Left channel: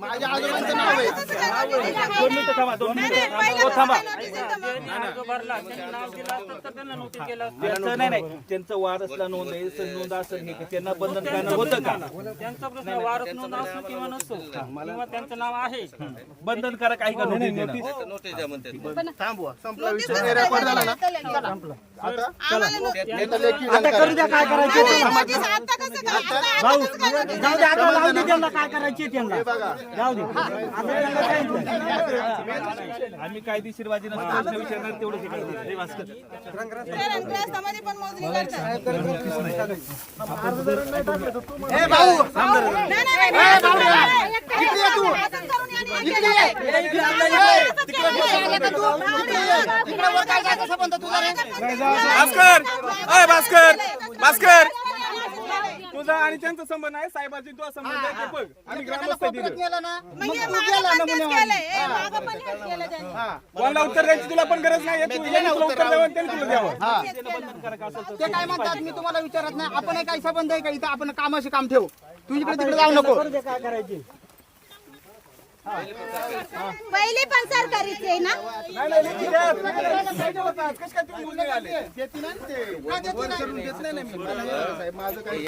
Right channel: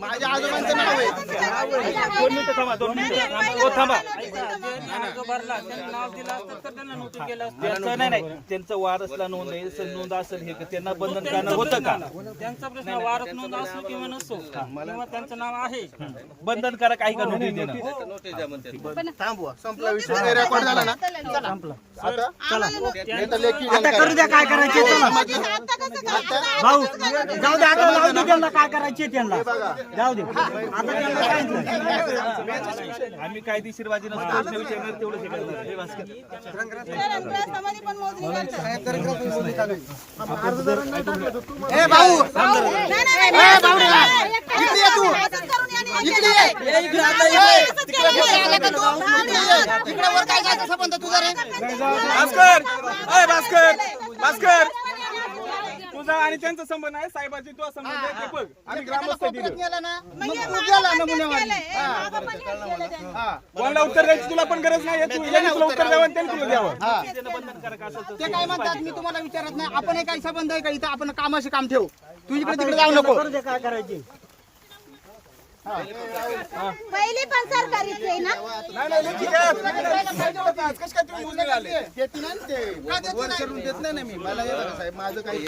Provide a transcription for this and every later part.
माझ्या आजोबांचं नाव आहे. दोन मिनिटं थांबा दोन मिनिटं थांबा. थांबा. अर्ज भरला त्यांनी नाव दिलं असतं तर त्यांना नोटीस केलं असतं. त्यांचं नाही नाही. त्यांचं वारसला नोंद आहे स- नोंद असेल हे त्यांना बंधन करणं होतं का? त्यांचा प्रश्न वारस नोंद असो किंवा नसो किंवा त्यांचं नाव आहे. बंधनकारक आहे का नोंद देणं? थांबवा संपला विषय. रेकॉर्ड झाला ना? आता नाही तर लेखी करू द्या काय करायचे भाऊ जाऊ दे आता जाऊ दे त्यांना काय करायचे त्यांना. बघा. जाऊ दे. आम्ही कायदेशीर बाजी नसतो हे. हे भास्कर अ भास्कर भास्कर तुझा आणि त्यांचा संबंध आहे साहेबांची तुझा संबंध आहे ते बघ. आम्ही ग्रामस्थ दिलं कोणाला उत्तर द्यायची तुला पण गरज नाही तू यांनी तुला उत्तर द्यावं. आणि त्यांनी तुला द्यावं? बंधनकारक असेल तर ते काय म्हणतात मी तुम्हाला विचारत नाही. आपण काही संबंध आहे का इथं? आपण कामाशी काम ठेवू. तू इकडे तिकडे जाऊ नको. काय करायचे. पहिले पण सरकारीच आहे ना? माझं काही.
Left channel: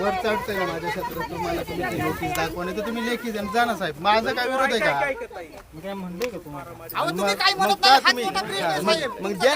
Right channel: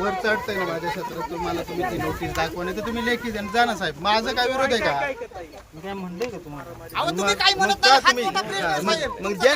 वर चढतंय ना माझ्या शत्रू तुम्हाला तुम्ही ती नोटीस दाखवणे तर तुम्ही लेखी द्या जा ना साहेब. माझं काय विरोध आहे का? काय म्हणलोय का तुम्हाला? अहो तुम्ही काय म्हणत नाही? हात मोठा प्रश्न आहे, साहेब. मग जे